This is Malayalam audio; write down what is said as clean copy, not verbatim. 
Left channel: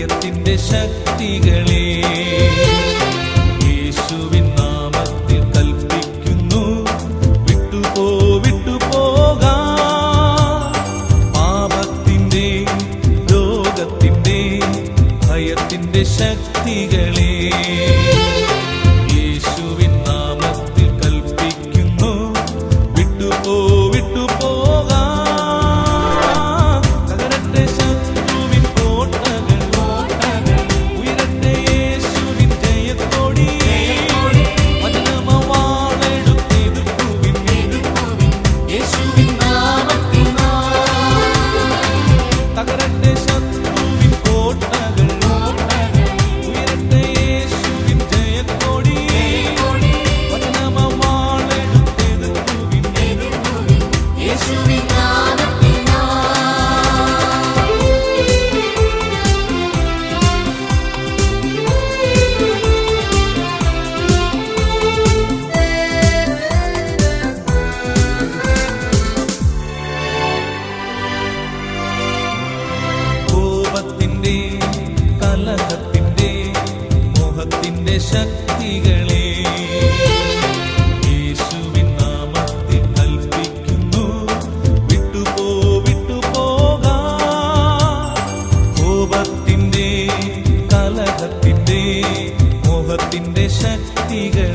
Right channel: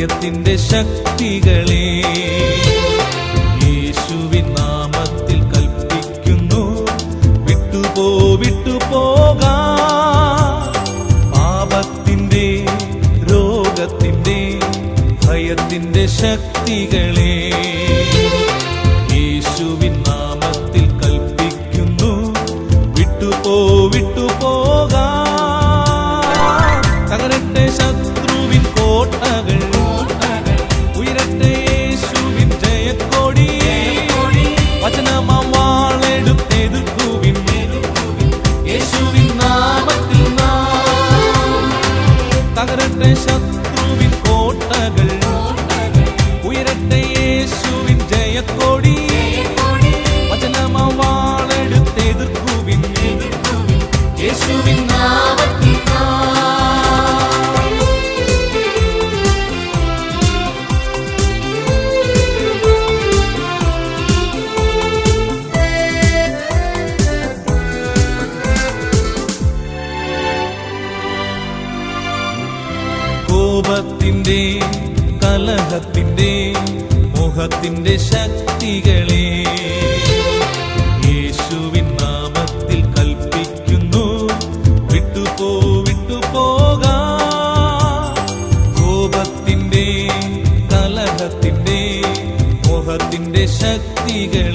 ഭയത്തിന്റെ ശക്തികളെ യേശുവിൻ നാമത്തിൽ കൽപ്പിക്കുന്നു, വിട്ടുപോകാം. പാപത്തിന്റെ രോഗത്തിന്റെ ഭയത്തിന്റെ ശക്തികളെ യേശുവിൻ നാമത്തിൽ കൽപ്പിക്കുന്നു, വിട്ടുപോകാം. തകരട്ടെ ശത്രുവിൻ കോട്ടകൾ, ഉയരട്ടെ യേശുവിൻ ജയക്കൊടി. വചനമവാളെടുത്തെടുക്കുവിൻ, യേശുവിൻ നാമത്തിൽ തകരട്ടെ ശത്രുവിൻ കോട്ടകൾ, ഉയരട്ടെ യേശുവിൻ ജയക്കൊടി. വചനമവാളെടുത്തെടുക്കുവിൻ, യേശുവിൻ നാമത്തിൽ. കോപത്തിന്റെ കലഹത്തിന്റെ മുഖത്തിന്റെ ശക്തികളെ യേശുവിൻ നാമത്തിൽ കൽപ്പിക്കുന്നു, വിട്ടുപോകാം. കോപത്തിന്റെ കലഹത്തിന്റെ മുഖത്തിന്റെ ശക്തികൾ